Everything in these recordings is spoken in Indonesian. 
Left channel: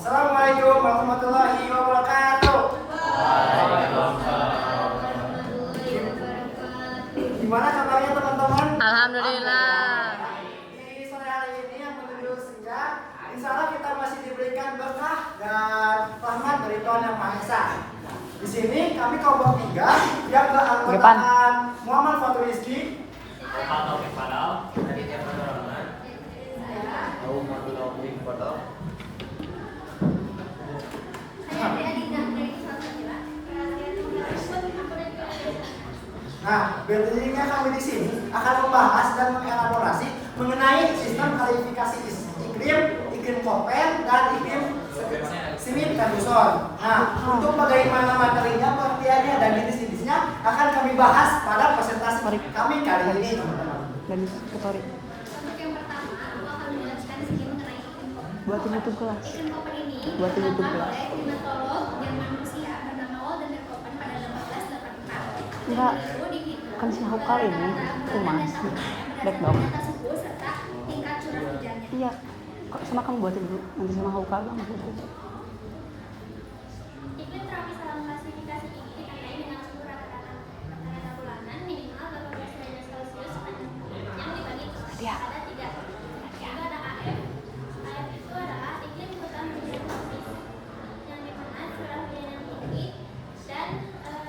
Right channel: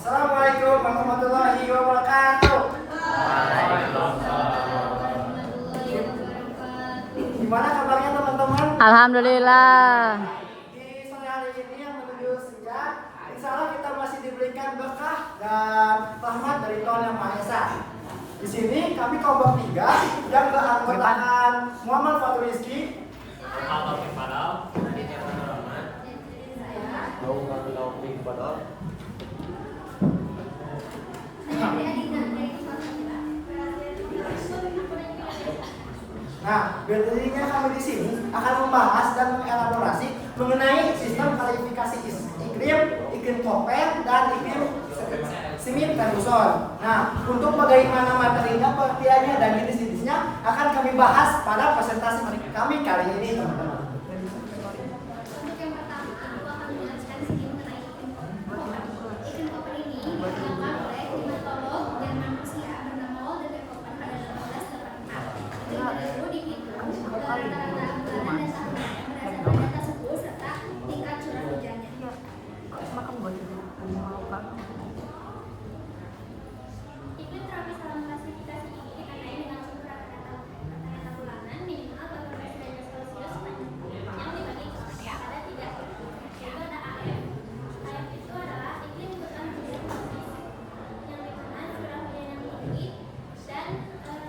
Assalamualaikum warahmatullahi wabarakatuh. Gimana kabarnya teman-teman? Alhamdulillah. Di sore hari ini yang menuju senja, insya Allah kita masih diberikan berkah dan rahmat dari Tuhan Yang Maha Esa. Di sini kami kelompok 3 yang beranggotakan Muhammad Fatul Rizki, Taufik Fadal, Aditya Fatur Rahman, Nah, biasanya kami di sini akan membahas dan mengelaborasi mengenai sistem klasifikasi iklim, iklim Koppen, dan iklim Smith Ferguson. Nah, untuk bagaimana materinya, pengertiannya, dan jenis-jenisnya akan kami bahas pada presentasi kami kali ini, teman-teman. Untuk yang pertama, aku akan menjelaskan sedikit mengenai iklim Koppen. Iklim Koppen ini dikembangkan oleh klimatolog Jerman Rusia bernama Walter Koppen pada 1884. Dan beliau dihitung rata-rata bulanan dan tahunnya berdasarkan data suhu serta tingkat curah hujannya. Iya. Kok sama kamu buatin dulu? Mau kamu? Iklim tropis dalam klasifikasi ini ditandai dengan suhu rata-rata bulanan minimal 18 derajat Celcius sepanjang tahun yang dibagi pada 3. Juga ada AF. AF itu adalah iklim hutan musim tropis yang dimana curah hujan yang tinggi dan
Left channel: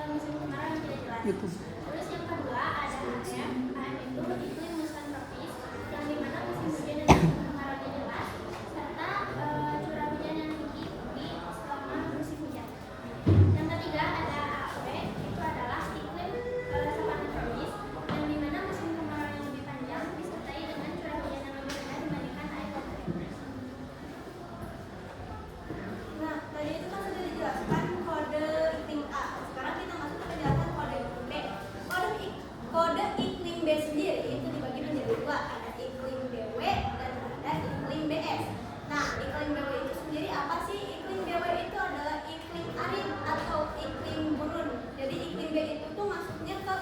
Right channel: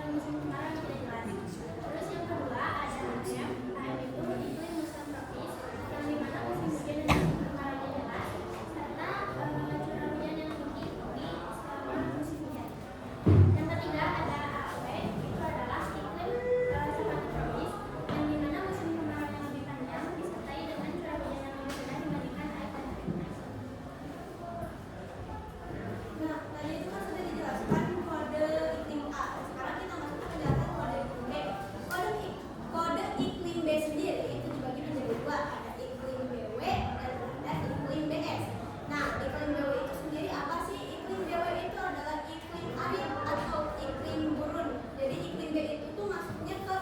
musim kemarau yang tidak jelas. Terus yang kedua ada AM. AM itu iklim musim tropis yang dimana musim hujan dan musim kemarau yang jelas serta curah hujan yang tinggi di selama musim hujan. Yang ketiga ada AW, itu adalah iklim savana tropis yang dimana musim kemarau yang lebih panjang disertai dengan curah hujan yang lebih rendah dibandingkan air laut. Nah, tadi itu kan sudah dijelaskan kode iklim A. Sekarang kita masuk ke penjelasan kode iklim B. Kode iklim B sendiri itu dibagi menjadi 2, ada iklim BW dan ada iklim BS. Nah, iklim BW itu sendiri apa sih? Iklim BW itu adalah iklim arid atau iklim gurun. Jadi iklim B itu tuh masuknya ke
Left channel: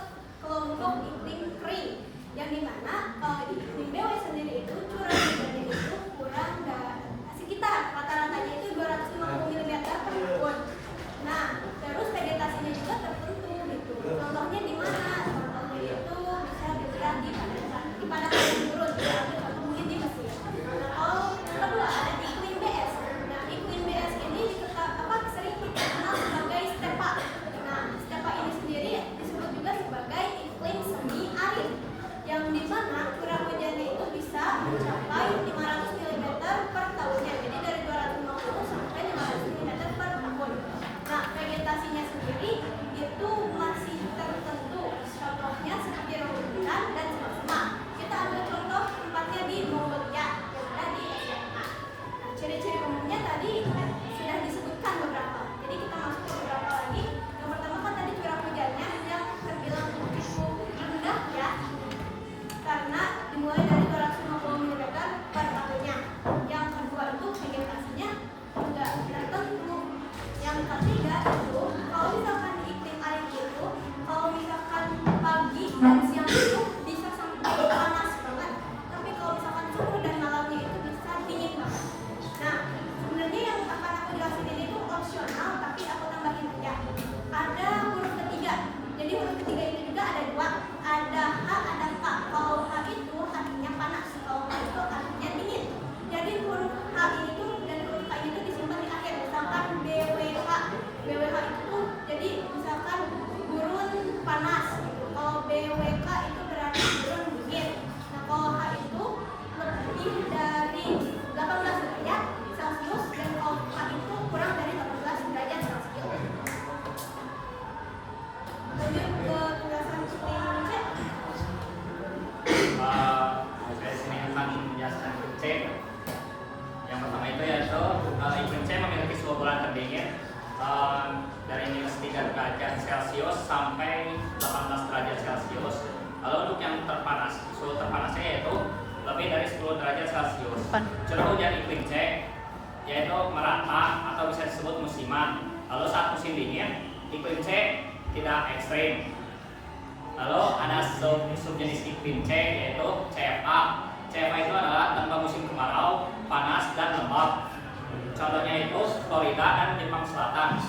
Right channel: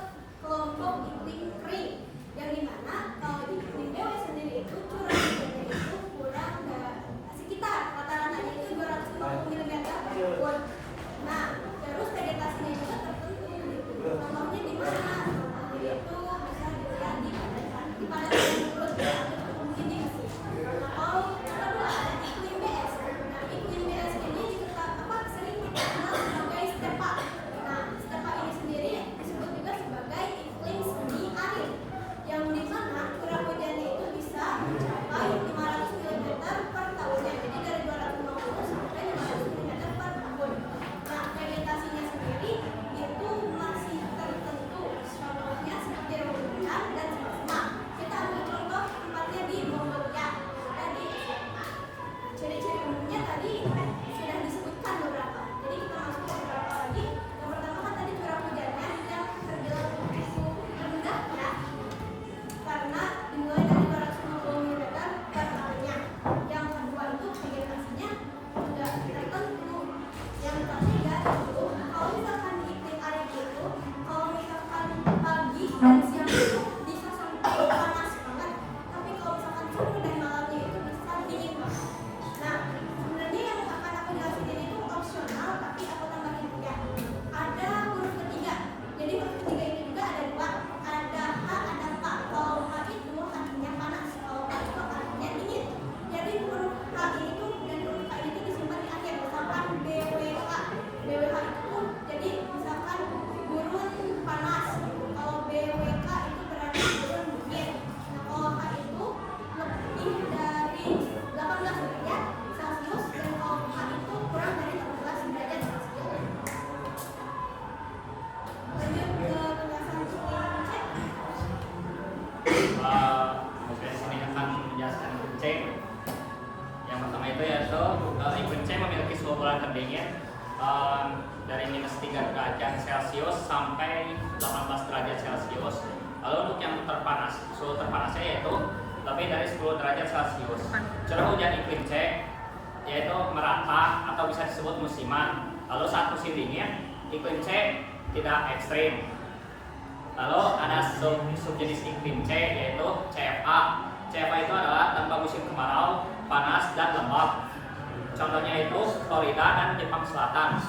kelompok iklim kering. Yang dimana kalau di iklim BW sendiri itu curah hujannya itu kurang sekitar rata-ratanya itu 250 mm per tahun. Nah, terus vegetasinya juga tertentu gitu. Contohnya di mana? Contohnya itu bisa dilihat di padatan gurun atau mungkin di Mesir. Nah, kalau kedua ada iklim BS. Nah, iklim BS ini sering kita kenal sebagai stepa. Nah, stepa ini sendiri disebut juga sebagai iklim semi arid, yang dimana curah hujannya itu bisa mencapai 500 mm per tahunnya. Jadi dari 250 sampai 500 mm per tahun. Nah, vegetasinya sendiri itu masih tertentu. Contohnya seperti rumbutan dan semak-semak. Kita ambil contoh tempatnya di Mongolia yang ada di SMA. Nah, ciri-ciri umumnya tadi sudah disebutkan beberapa. Jadi kita masuk ke beberapa lagi. Yang pertama kan tadi curah hujannya yang terbilang cukup rendah ya, karena dimulai dari 250 mm per tahunnya. Yang kedua itu vegetasinya juga tertentu. Yang ketiga itu kalau misalkan iklim arid itu kalau misalkan pagi dan siang itu bisa sampai panas banget, tapi kalau misalkan sore dan malamnya itu bisa dingin banget. Nah, sebenarnya yang akan aku jelasin ini itu opsional, tapi aku tambahin aja. Ada huruf ketiga. Jadi huruf ketiga ini juga ada 2, ada H, ada K. Kalau H itu artinya panas, kalau K itu artinya dingin. Jadi huruf H ini tuh dan huruf K ini tuh disimpan di akhir. Misalkan BWH. BWH itu jadi misalkan gurun panas gitu. Kalau BWK itu berarti gurun dingin. Nah, kalau H itu lebih dari 18 derajat Celcius dan kalau H itu kurang dari 18 derajat Celcius. Lanjut ke penjelasan iklim C. Saya sini akan menjelaskan iklim C. Yang pertama itu yaitu iklim C memiliki suhu bulan terdingin dari -3 derajat Celcius sampai 18 derajat Celcius. Lalu untuk yang terpanas, suhu terpanasnya yaitu lebih dari 10 derajat Celcius. Curah hujan iklim C yaitu merata atau bisa disebut musiman. Lalu saat musim dingin, iklim C tidak ekstrim. Lalu ada subjenis iklim C yaitu CFA. CFA itu adalah tanpa musim kemarau, panas, dan lembab. Contohnya itu Florida dan Jepang Selatan.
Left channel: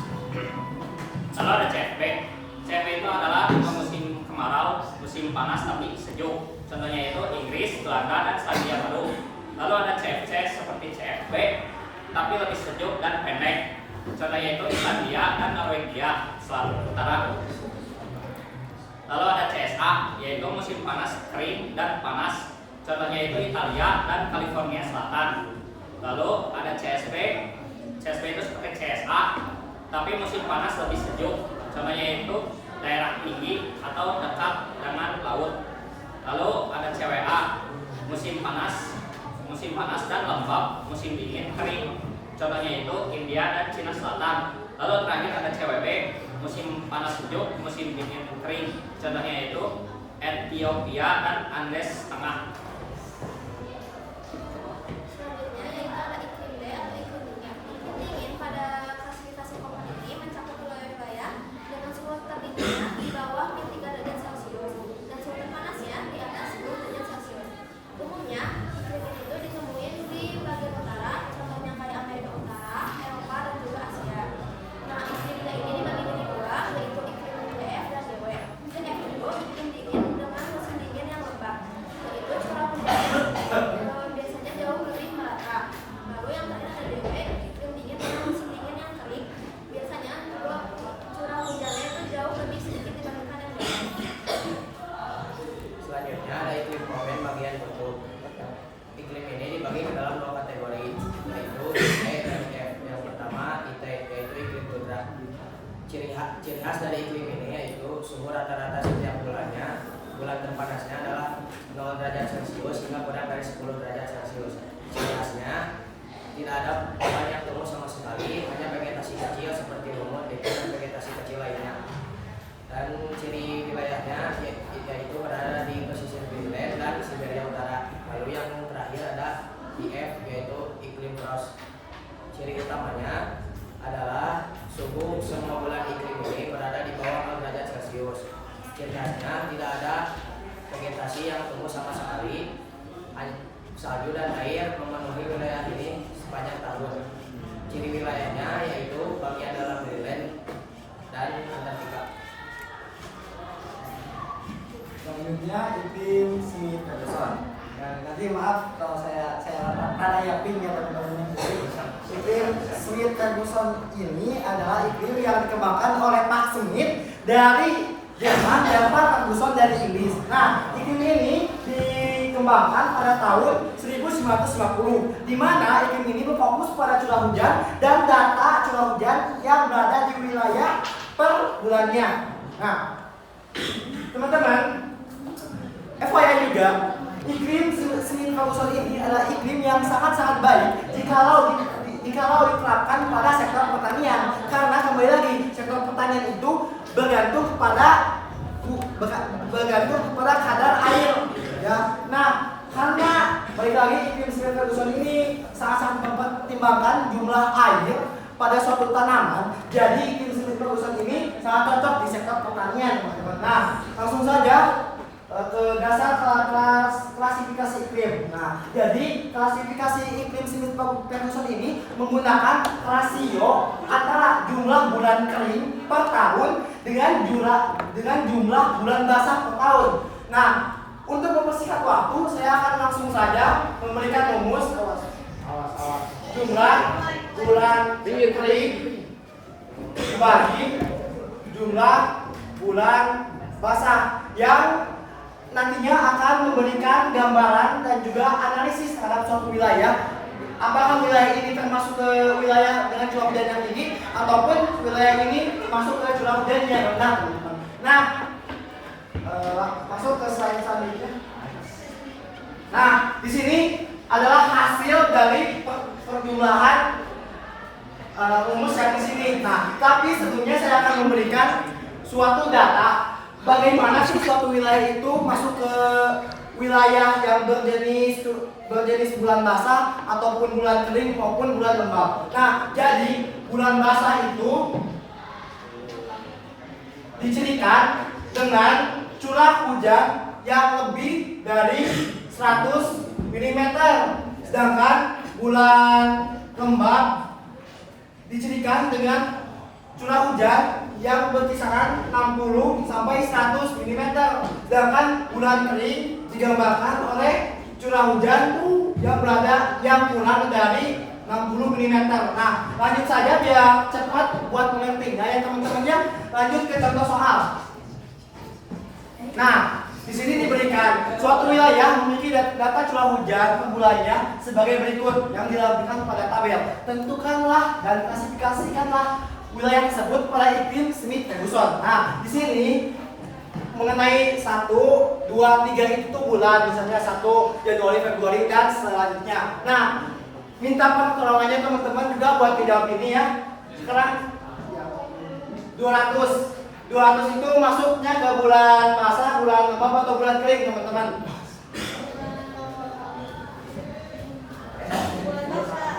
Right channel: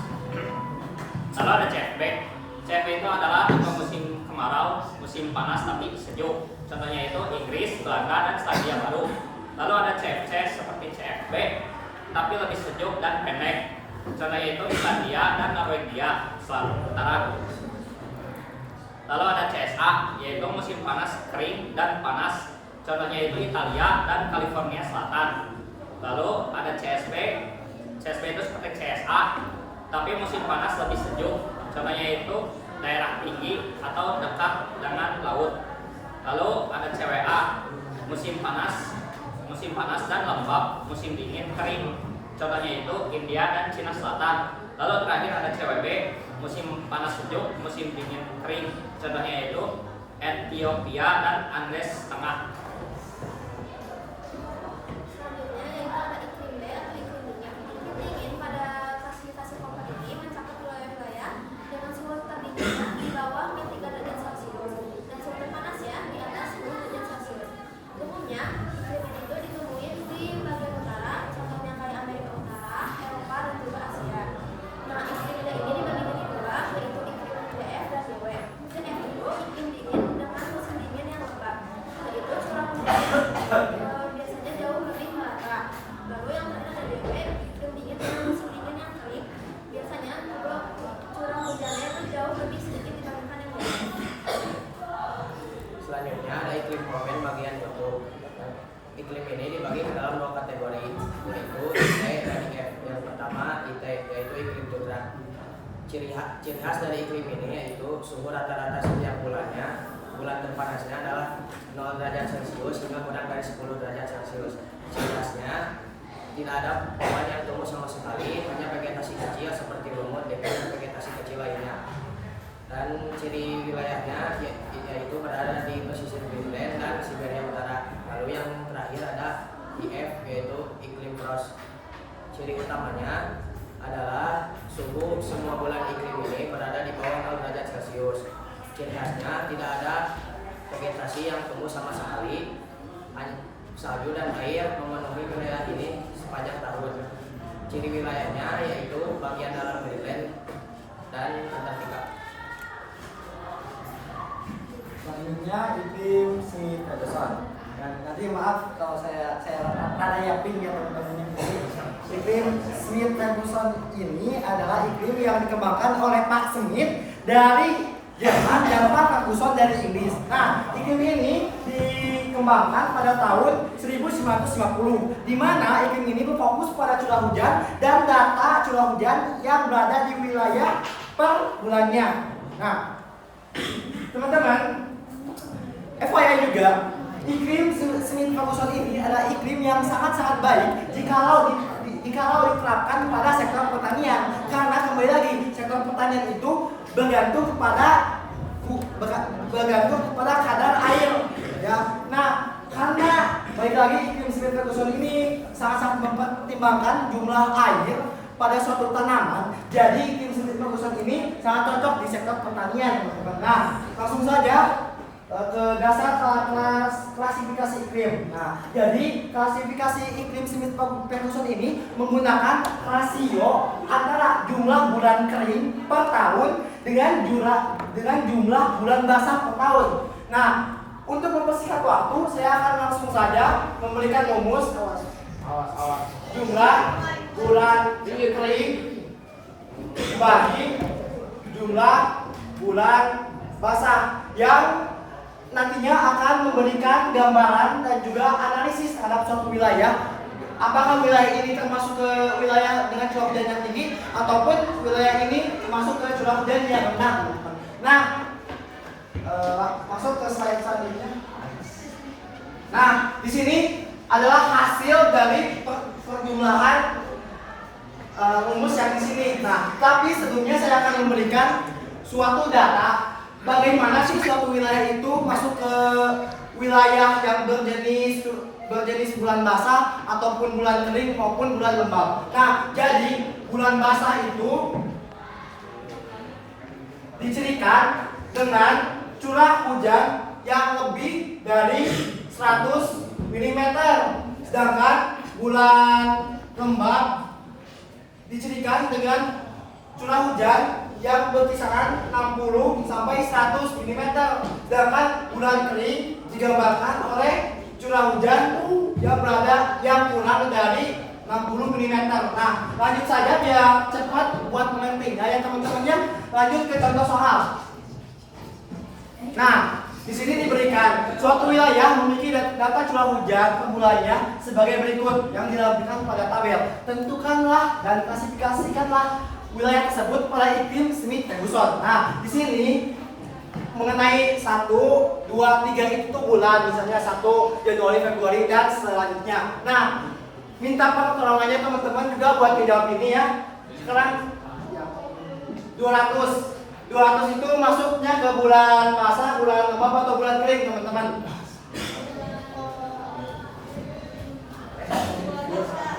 Lalu ada CFB. CFB itu adalah musim kemarau, musim panas tapi sejuk. Contohnya itu Inggris, Belanda, dan Selandia Baru. Lalu ada CFC seperti CFB, tapi lebih sejuk dan pendek. Contohnya itu Islandia dan Norwegia, Selatan Utara. Lalu ada CSA, yaitu musim panas, kering, dan panas. Contohnya itu Italia dan California Selatan. Lalu ada CSB. CSB itu seperti CSA, tapi musim panas lebih sejuk. Contohnya itu daerah tinggi atau dekat dengan laut. Lalu ada CWA, musim panas dan lembab, musim dingin kering. Contohnya itu India dan Cina Selatan. Lalu terakhir ada CWB, musim panas sejuk, musim dingin kering. Contohnya itu Ethiopia dan Andes Tengah. Selanjutnya yaitu ada iklim D atau iklim dingin. Iklim dingin pada klasifikasi Koppen ini mencakup wilayah-wilayah dengan suhu terdinginnya di bawah -3 derajat Celcius dan suhu terpanasnya di atas 10 derajat Celcius. Umumnya iklim ini itu ditemuin di bagian utara, contohnya kayak Amerika Utara, Eropa, dan juga Asia. Nah, iklim D ini dibagi menjadi dua, yaitu iklim DF dan DW. DF itu iklim dingin dengan musim dingin yang lembab, yaitu curah hujannya biasanya jauh lebih merata. Lalu yang terakhir ada DW, iklim dingin dengan musim dingin yang kering, biasanya juga curah hujannya itu jauh lebih sedikit dibandingkan yang DW. Selanjutnya ada iklim Koppen bagian kutub. Iklim ini dibagi ke dalam dua kategori, yaitu IT dan F. Yang pertama IT, yaitu iklim tundra. Ciri khas dari iklim ini yaitu suhu rata-rata setiap bulannya. Bulan terpanasnya adalah 0 derajat Celcius hingga kurang dari 10 derajat Celcius. Ciri khasnya tidak ada pohon yang tumbuh sama sekali, hanya vegetasi kecil seperti lumut, dekil, dan vegetasi kecil lainnya. Dan ciri wilayahnya yaitu berada di pesisir Greenland dan Siberia Utara. Lalu yang terakhir ada IF, yaitu iklim frost. Ciri utamanya adalah suhu semua bulan iklim ini berada di bawah 0 derajat Celcius. Ciri khasnya tidak ada vegetasi yang tumbuh sama sekali. Salju dan air memenuhi wilayah ini sepanjang tahun. Ciri wilayahnya yaitu bagian dalam Greenland dan Antartika. Selanjutnya iklim semi Ferguson. Dan nanti maaf kalau saya rada yakin ya teman-teman. Iklim Smith Ferguson ini adalah iklim yang dikembangkan oleh Pak Smith dari Jerman dan Pak Ferguson dari Inggris. Nah, iklim ini dikembangkan pada tahun 1950, di mana iklim ini berfokus pada curah hujan dan data curah hujan yang berada di wilayah per bulannya. Nah, teman-teman, FYI juga, iklim Smith Ferguson ini adalah iklim yang sangat-sangat baik jikalau diterapkan pada sektor pertanian, karena kembali lagi sektor pertanian itu bergantung kepada kadar air, ya. Nah, karena balik lagi iklim Smith Ferguson ini sangat-sangat mempertimbangkan jumlah air pada suatu tanaman, jadi iklim Smith Ferguson ini sangat cocok di sektor pertanian, teman-teman. Nah, langsung saja ke dasar klasifikasi iklim. Nah, jadi klasifikasi iklim Smith Ferguson ini menggunakan rasio antara jumlah bulan kering per tahun dengan jumlah bulan basah per tahun. Nah, untuk mempersingkat waktu, saya akan langsung saja memberikan rumus jumlah bulan kering bagi jumlah bulan basah yang nantinya akan memberikan gambaran dan juga analisis terhadap suatu wilayah. Apakah wilayah ini termasuk ke wilayah dengan curah hujan yang tinggi ataupun wilayah ini masuk ke curah hujan yang rendah, teman-teman. Nah, masuk ke slide selanjutnya. Nah, di sini adalah hasil dari perjumlahan rumus yang di sini. Nah, tapi sebelumnya saya akan memberikan suatu data. Bagaimana sih suatu wilayah itu masuk ke wilayah yang berjenis bulan basah ataupun bulan kering maupun bulan lembab. Nah, jadi bulan basah itu dicirikan dengan curah hujan yang lebih dari 100 mm, sedangkan bulan lembab dicirikan dengan curah hujan yang berkisaran 60 sampai 100 mm. Sedangkan bulan kering digambarkan oleh curah hujan yang kurang dari 60 mm. Nah, lanjut saja biar cepat buat mementingnya ya teman-temannya. Lanjut ke contoh soal. Nah, di sini diberikan suatu wilayah memiliki data curah hujan per bulannya sebagai berikut yang dilampirkan pada tabel. Tentukanlah dan klasifikasikanlah wilayah tersebut pada iklim Smith Ferguson. Nah, di sini mengenai 1, 2, 3 itu bulan, misalnya 1 Januari, Februari dan selanjutnya. Nah, minta pertolongannya teman-teman juga buat dijawab ini ya. Sekarang 200 itu masuknya ke bulan basah, bulan lembab atau bulan kering teman-teman?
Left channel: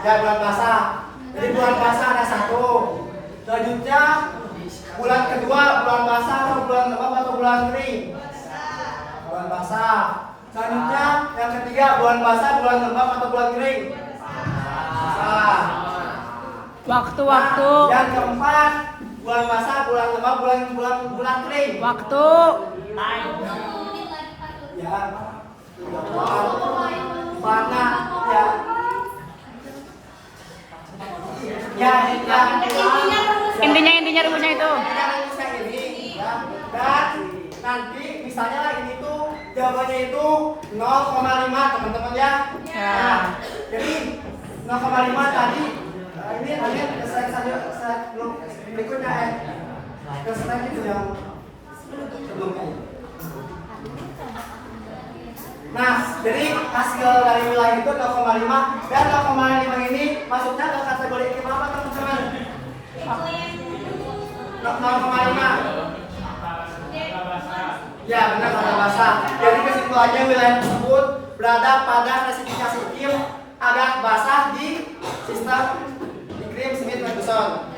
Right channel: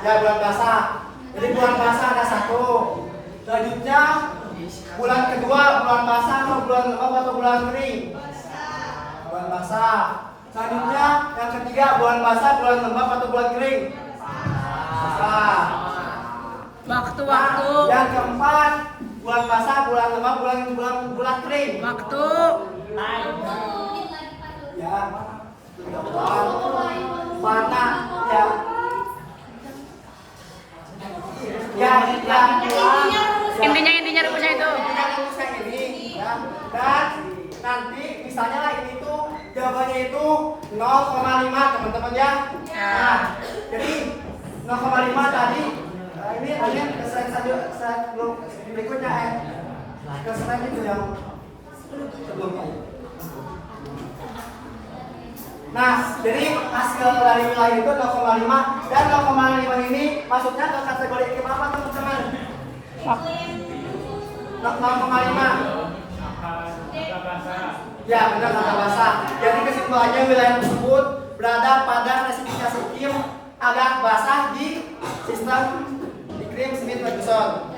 Ya, bulan basah. Jadi bulan basah ada 1. Selanjutnya bulan kedua bulan basah atau bulan lembab atau bulan kering? Bulan basah. Selanjutnya yang ketiga bulan basah, bulan lembab atau bulan kering? Basah. Waktu. Nah, yang keempat bulan basah, bulan lembab, bulan kering. Waktu. 20 menit lagi Pak Tur. Ya. Mana ya? Intinya rumusnya itu. Kita rumusnya ini ya. Dan nanti misalnya lah ini tuh jawabannya itu 0,5 teman-teman ya. Nah, jadi 0,5 tadi ini hanya ke slide belum berikutnya ke slide itu yang sebelumnya. Nah, jadi hasil dari wilayah itu 0,5 dan 0,5 ini masuknya ke kategori iklim apa teman-teman? 0,5. Ya, benar kata basah. Jadi kesimpulannya wilayah tersebut berada pada klasifikasi iklim agak basah di sistem iklim Smith Ferguson.